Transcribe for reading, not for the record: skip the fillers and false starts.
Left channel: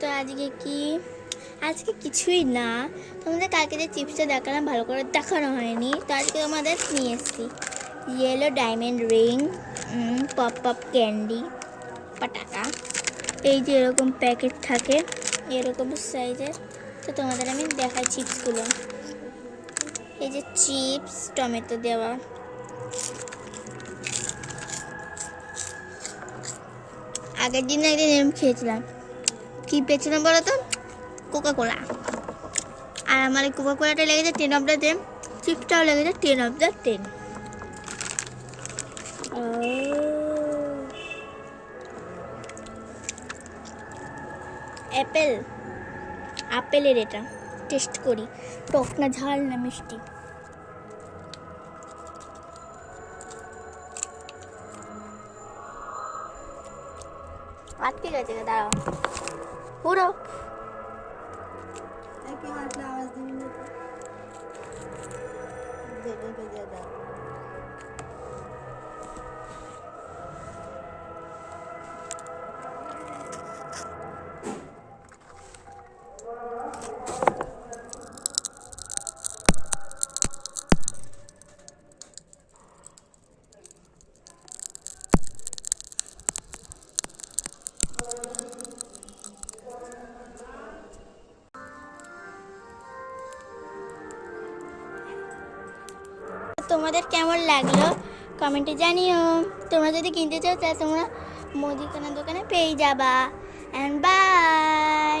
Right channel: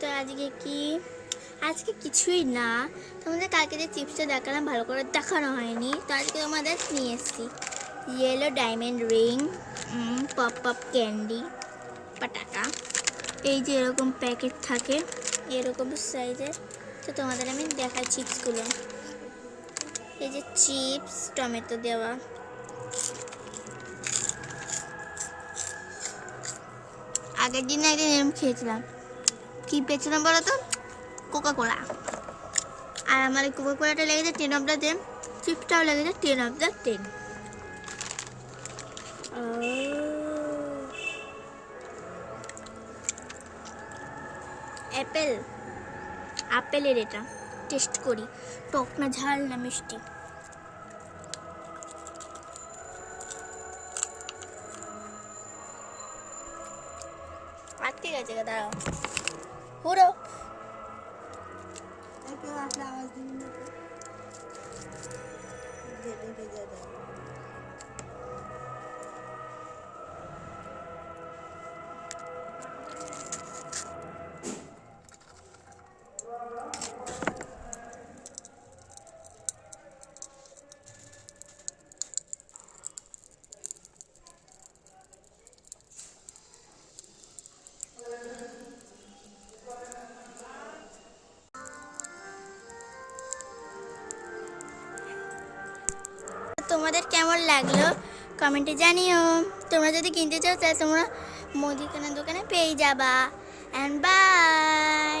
তো আজকে কিছুই না, তোমাদের কালকে যে চিপসটা দেখালাম ভালো করে দেখানো হয়নি, তো আজকে তোমাদের নিয়ে এসেছি yellow diamond ring, pop pop candy, পাটাকা। এই যে এরকম প্যাকেট থাকে এরকম সাইজের। তো তোমাদের আমি দেখাই চিপসগুলো। এই যে চিপস টমেটো দেওয়া, আগের দিন একদিন এরকম খেয়েছিলাম। কি পেয়েছিলাম বলো তো? কোকা কোলা। আর আমার এই কোকা কোলাটা লেগেছে 10/10, চিপসটাও লেগেছে 10/10। আপেলের এটা টেস্ট করি, টক না ঝাল না মিষ্টি। আর ঠিক আছে, দাঁড়াও পুরো आवाज তোমাদের কেমন লাগলো কমেন্টে জানিও। তোমরা যদি কিনতে চাও তাহলে তোমরা মুদিখানা দোকানে পেয়ে যাবা। And by.